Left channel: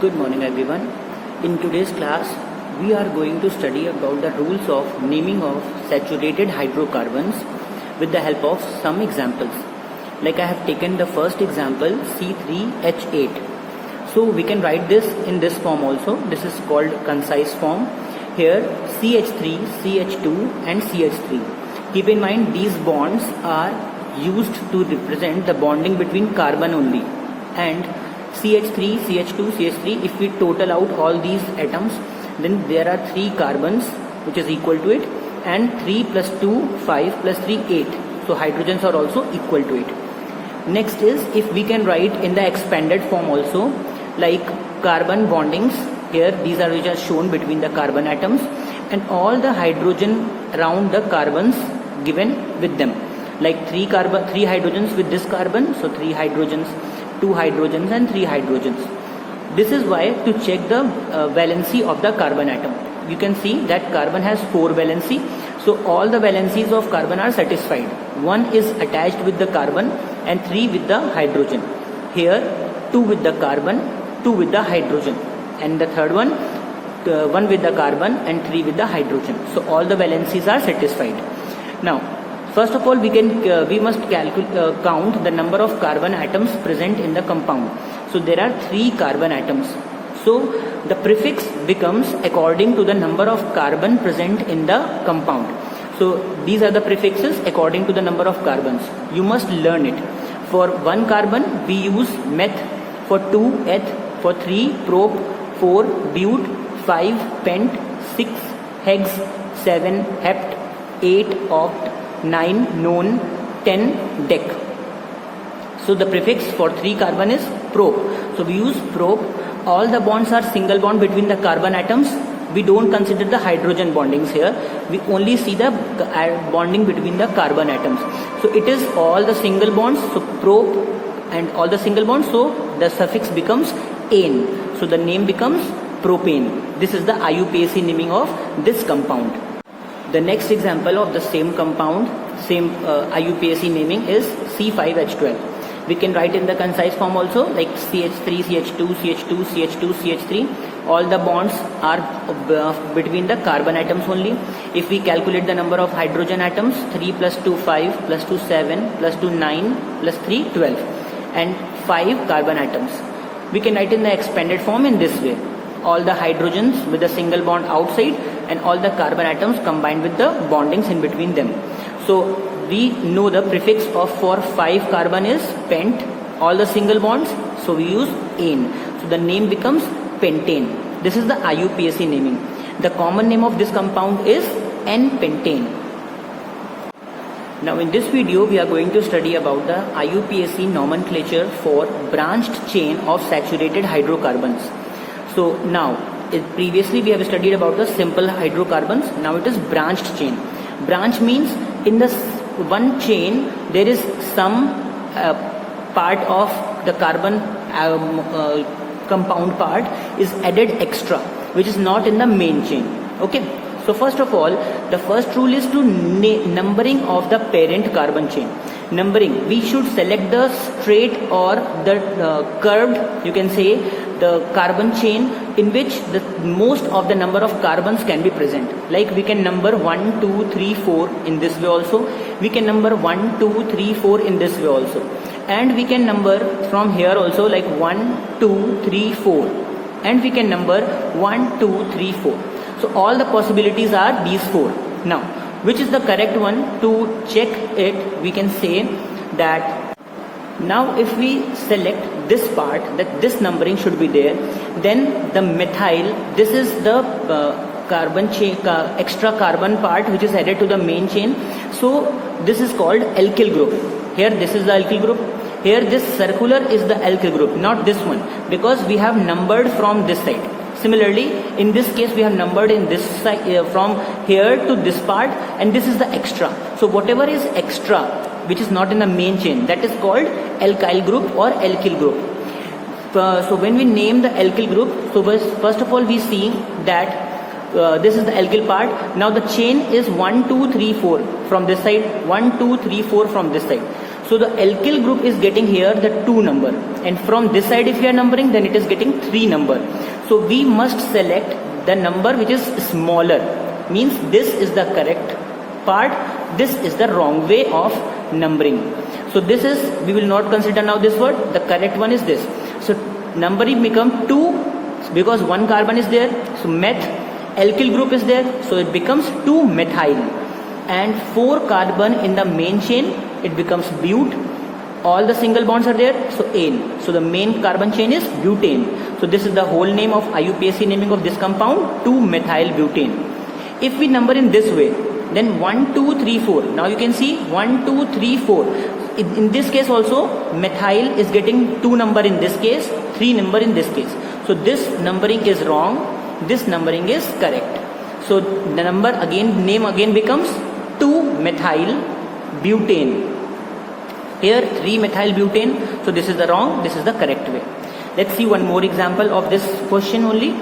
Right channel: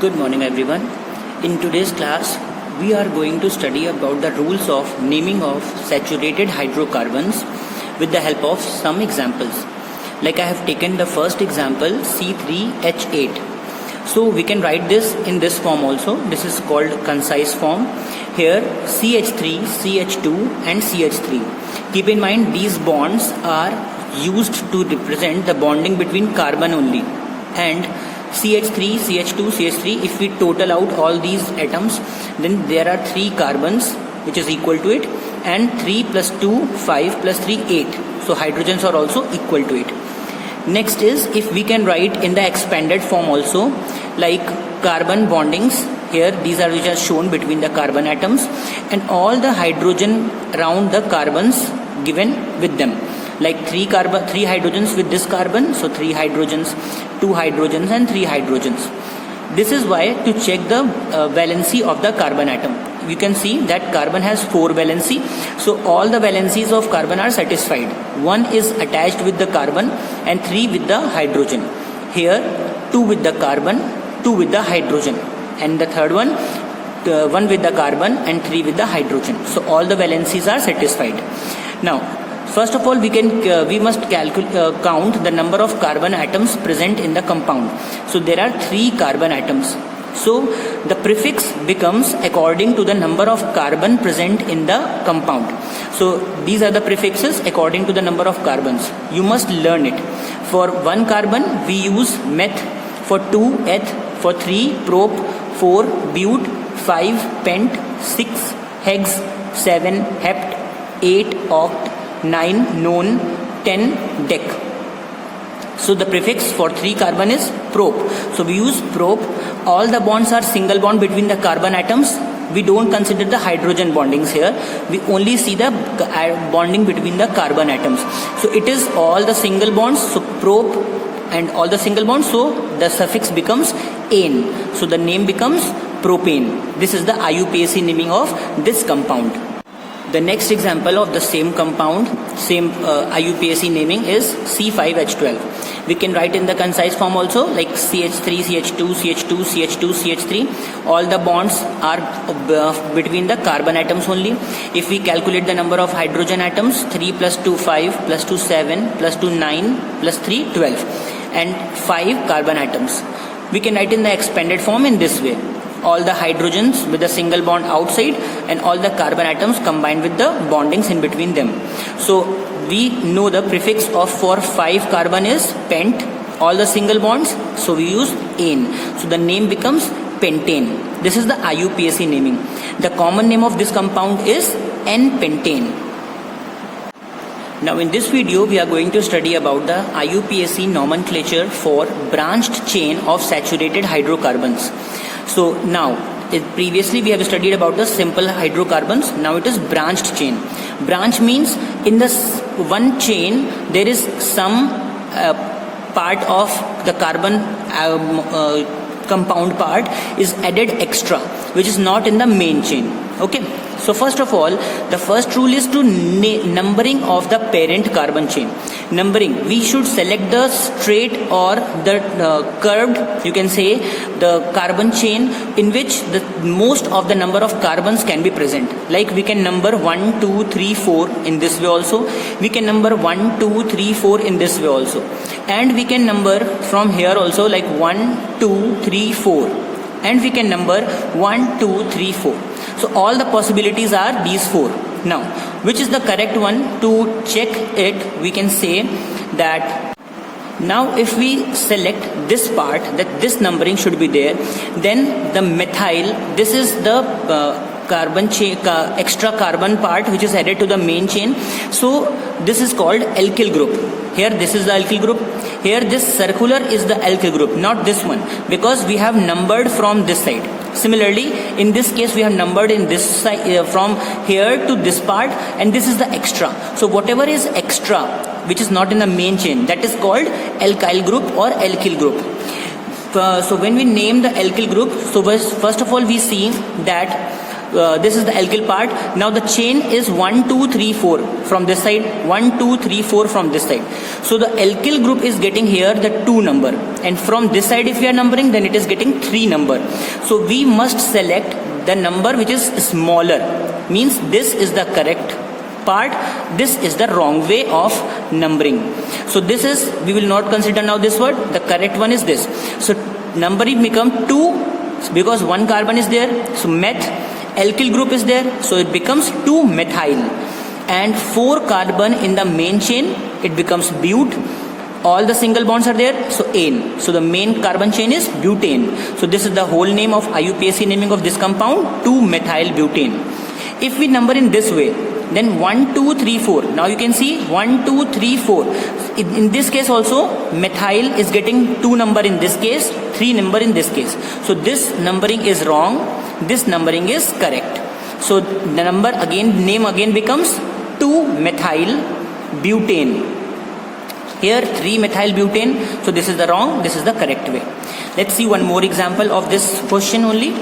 Good morning everyone. In today's class, we are going to study about the rules of naming of saturated hydrocarbons with the help of some examples. Like I have taken the first example C3H8. So we can write this in this form also. This is called concise form. Here CH3, CH2 and CH3. Keep in mind these bonds are used to represent the bonding between carbon only, and CH3, CH2, CH3, if we total out all these atoms, then there are 3 carbons which is equal to it, and 3 plus 2, 5 plus 3, 8. So hydrogens are also equal to it. Next is, if we can write in the expanded form also, like carbon bondings. Here these are which are shown between the carbon atoms, and all the hydrogen around the carbons given with them. Like 3 hydrogens with this carbon, so 3 hydrogens, 2 hydrogens and 3 hydrogens. This is why to check the valency of the carbon atom. You can see that carbon has 4 valency, so all the valencies of carbon are satisfied. 1 is attached with the carbon and 3 with the hydrogen. Here 2 with the carbon, 2 with the hydrogen, and the third one 1 with the carbon and 3 with the hydrogen. So all the valencies are satisfied. Now first of all, we must count the number of carbon atoms present in the compound. So there are 3 carbon atoms. So the prefix becomes according to the number of carbon present in the compound. So these are the prefixes according to the number of carbons. You must learn it. For 1 carbon we use meth, for 2 eth, for 3 prop, 4 but, 5 pent, 6 hex, 7 hept, 8 oct, 9 non, 10 dec. So the prefix for 3 carbon is prop. So we use prop. All the bonds are single bond between the carbon atoms. We don't consider the hydrogen bondings here. We only see the bonding between the carbon atoms. So it is all the single bonds. So prop and all the single bonds. So the suffix becomes ane. So the name becomes propane. This is the IUPAC naming of this compound. The next example of the same compound, same IUPAC naming is C5H12. We can write in the concise form also, like CH3, CH2, CH2, CH2, CH3. All the bonds are between the carbon atoms only. If we calculate the number of hydrogen atoms, 3 plus 2, 5, plus 2, 7, plus 2, 9, plus 3, 12. And 5 carbon atoms. We can write in the expanded form in this way. All the hydrogens with a single bond outside and all the carbon atoms combined with the bondings in between them. So we know the prefix of for 5 carbon is pent, all the single bonds, so we use ane. So the name becomes pentane. This is the IUPAC naming. The common name of this compound is N-pentane. Now in this video we are going to study about the IUPAC nomenclature for branched chain of saturated hydrocarbons. So now, previously we have studied about the simple hydrocarbons. Now it is branched chain. Branch means in the one chain there is some part of the carbon compound part is added extra, which is not in the main chain. Okay. So first of all, the first rule is to numbering of the parent carbon chain. Numbering, we should select the straight or the curved, you can say, the carbon chain in which the most of the number of carbons can be present. Like we can number 1, 2, 3, 4 in this way also. We can number 1, 2, 3, 4 in this way also. And we can number from here also like 1, 2, 3, 4. And we can number 1, 2, 3, 4. So all the possibilities are these 4. Now, which is the correct one? To check it, we can say that now if we select this part, that this numbering should be there, then the methyl, this is the carbon chain, extra carbon part which is added to the main chain. So this is called alkyl group. Here this is the alkyl group. Here this circular is the alkyl group, not this one, because we have numbered from this side. Similarly, in this case we have numbered in this side from here to this part, and this is the extra. So whatever is extra which is not in the main chain, that is called alkyl group or alkyl group. So when we name the alkyl group, so first of all we see that This is the alkyl part. Now the chain is 1, 2, 3, 4 from this side, 1, 2, 3, 4 from this side. So the alkyl group is getting here the 2 number, and from this side if we are numbering, then it is getting 3 number. So we must select the number which is smaller, means this is the correct part, this is the wrong way of numbering. So this is, we will not consider now this word, the correct one is this. So numbering become 2 because 1 carbon is there, so meth, alkyl group is there, so it becomes 2 methyl, and 4 carbon in the main chain, it becomes bute. All the single bonds are there, so ane. So the main carbon chain is butane. So this is the whole name of IUPAC naming of this compound, 2-methyl butane. If we number in this way, then 1, 2, 3, 4. Now you can see 1, 2, 3, 4. In this case also, methyl is getting 2 number in this case, 3 number in this case. So this numbering is wrong, this numbering is correct. So the number again, name again becomes 2-methyl butane. Here 3-methyl butane. So this is the wrong, this is the correct way. Let's see one more example of this question only.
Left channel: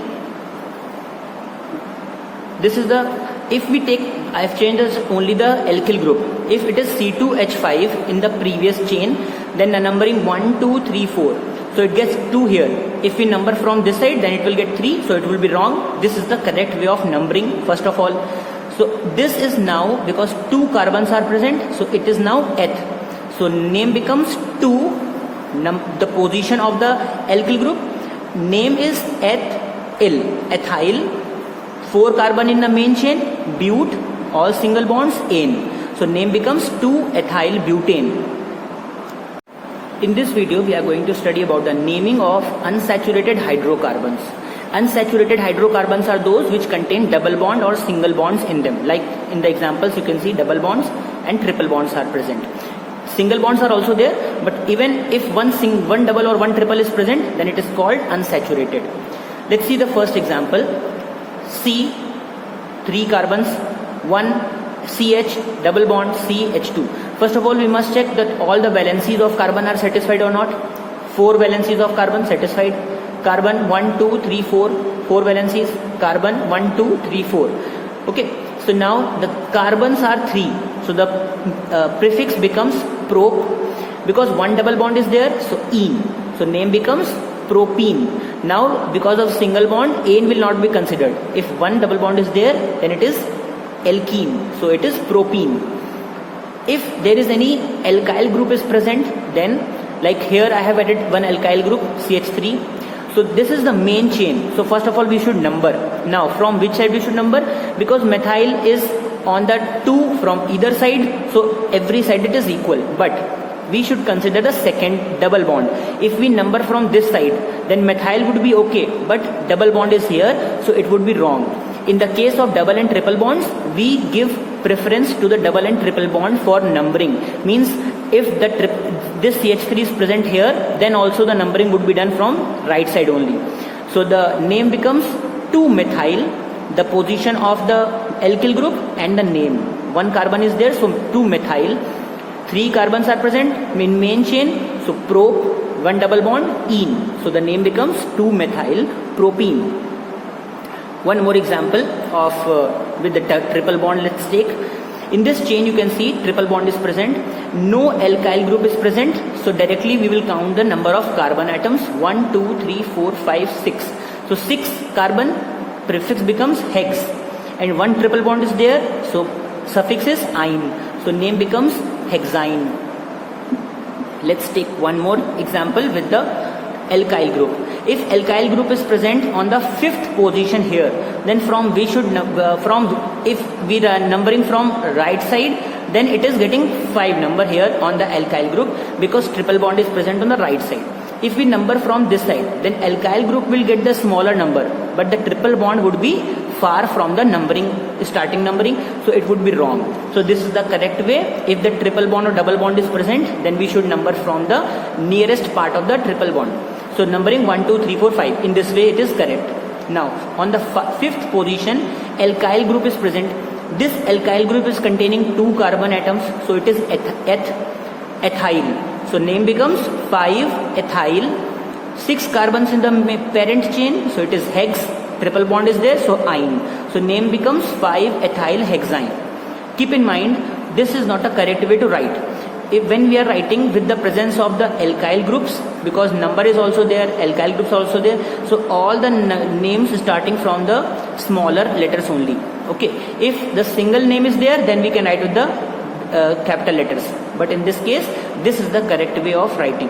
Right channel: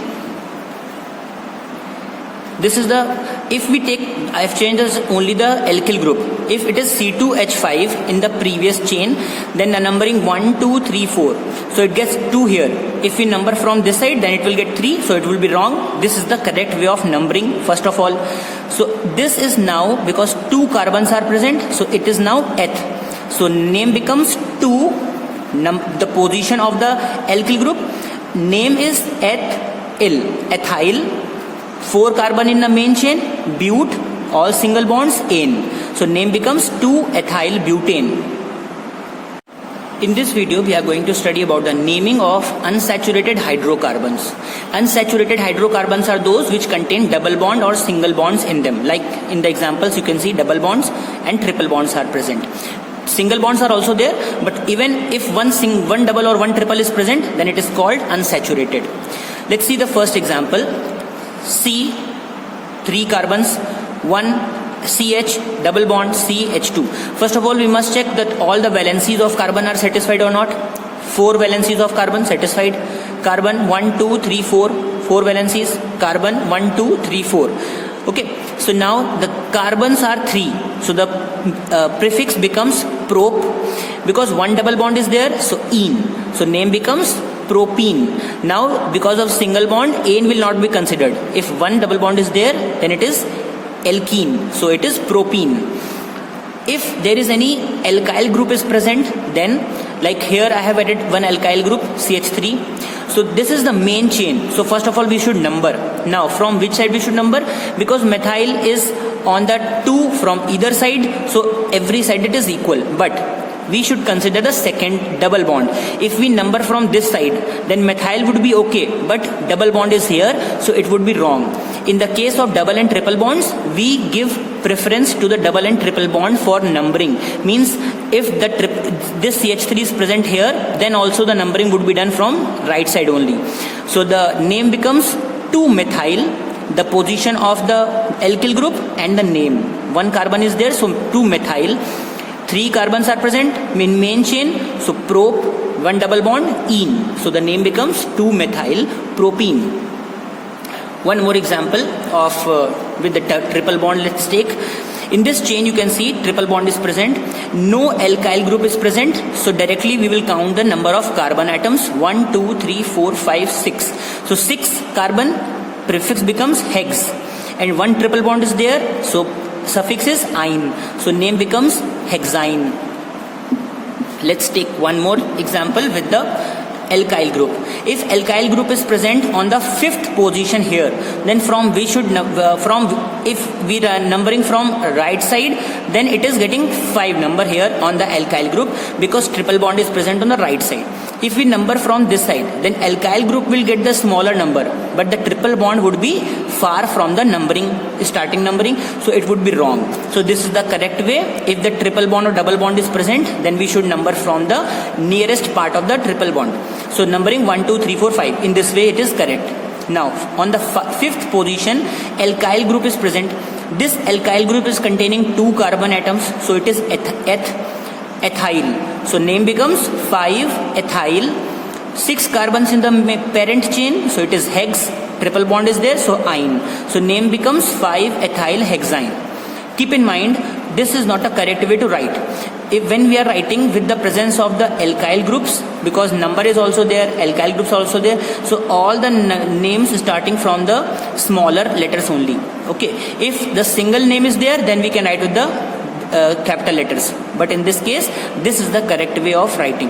This is the, if we take, I have changed as only the alkyl group. If it is C2H5 in the previous chain, then the numbering 1, 2, 3, 4. So it gets 2 here. If we number from this side, then it will get 3. So it will be wrong. This is the correct way of numbering first of all. So this is now, because 2 carbons are present, so it is now eth. So name becomes 2, the position of the alkyl group. Name is ethyl. 4 carbon in the main chain, bute, all single bonds, ane. So name becomes 2-ethyl butane. In this video, we are going to study about the naming of unsaturated hydrocarbons. Unsaturated hydrocarbons are those which contain double bond or single bonds in them. Like in the examples, you can see double bonds and triple bonds are present. Single bonds are also there, but even if one double or one triple is present, then it is called unsaturated. Let's see the first example. C, 3 carbons, 1 CH, double bond CH2. First of all, we must check that all the valencies of carbon are satisfied or not. 4 valencies of carbon satisfied. Carbon 1, 2, 3, 4, 4 valencies. Carbon 1, 2, 3, 4. Okay, so now the carbons are 3. So the prefix becomes prop, because 1 double bond is there, so ene. So name becomes propene. Now because of single bond, ane will not be considered. If 1 double bond is there, then it is alkene, so it is propene. If there is any alkyl group is present, then like here I have added one alkyl group, CH3. So this is the main chain. So first of all we should number. Now from which side we should number? Because methyl is on the 2 from either side, so every side it is equal. But we should consider the second double bond. If we number from this side, then methyl would be okay, but double bond is here, so it would be wrong. In the case of double and triple bonds, we give preference to the double and triple bond for numbering. Means if this CH3 is present here, then also the numbering would be done from right side only. So the name becomes 2-methyl, the position of the alkyl group and the name. 1 carbon is there, so 2-methyl. 3 carbons are present in main chain, so prop, 1 double bond, ene. So the name becomes 2-methyl propene. One more example of with the triple bond, let's take. In this chain you can see triple bond is present, no alkyl group is present, so directly we will count the number of carbon atoms. 1, 2, 3, 4, 5, 6. So 6 carbon, prefix becomes hex, and 1 triple bond is there, so suffix is ine, so name becomes hexine. Let's take one more example with the alkyl group. If alkyl group is present on the 5th position here, then from we should if we are numbering from right side, then it is getting 5 number here on the alkyl group, because triple bond is present on the right side. If we number from this side, then alkyl group will get the smaller number, but the triple bond would be far from the starting numbering, so it would be wrong. So this is the correct way. If the triple bond or double bond is present, then we should number from the nearest part of the triple bond. So numbering 1, 2, 3, 4, 5. In this way it is correct. Now on the 5th position, alkyl group is present. This alkyl group is containing 2 carbon atoms, so it is ethyl. So name becomes 5-ethyl. 6 carbons in the parent chain, so it is hex. triple bond is there, so ine. So name becomes 5-ethyl hexane. Keep in mind, this is not a correct way to write. When we are writing with the presence of the alkyl groups, because number is also there, alkyl groups are also there, so all the names starting from the smaller letters only. Okay, if the single name is there, then we can write with the capital letters, but in this case, this is the correct way of writing.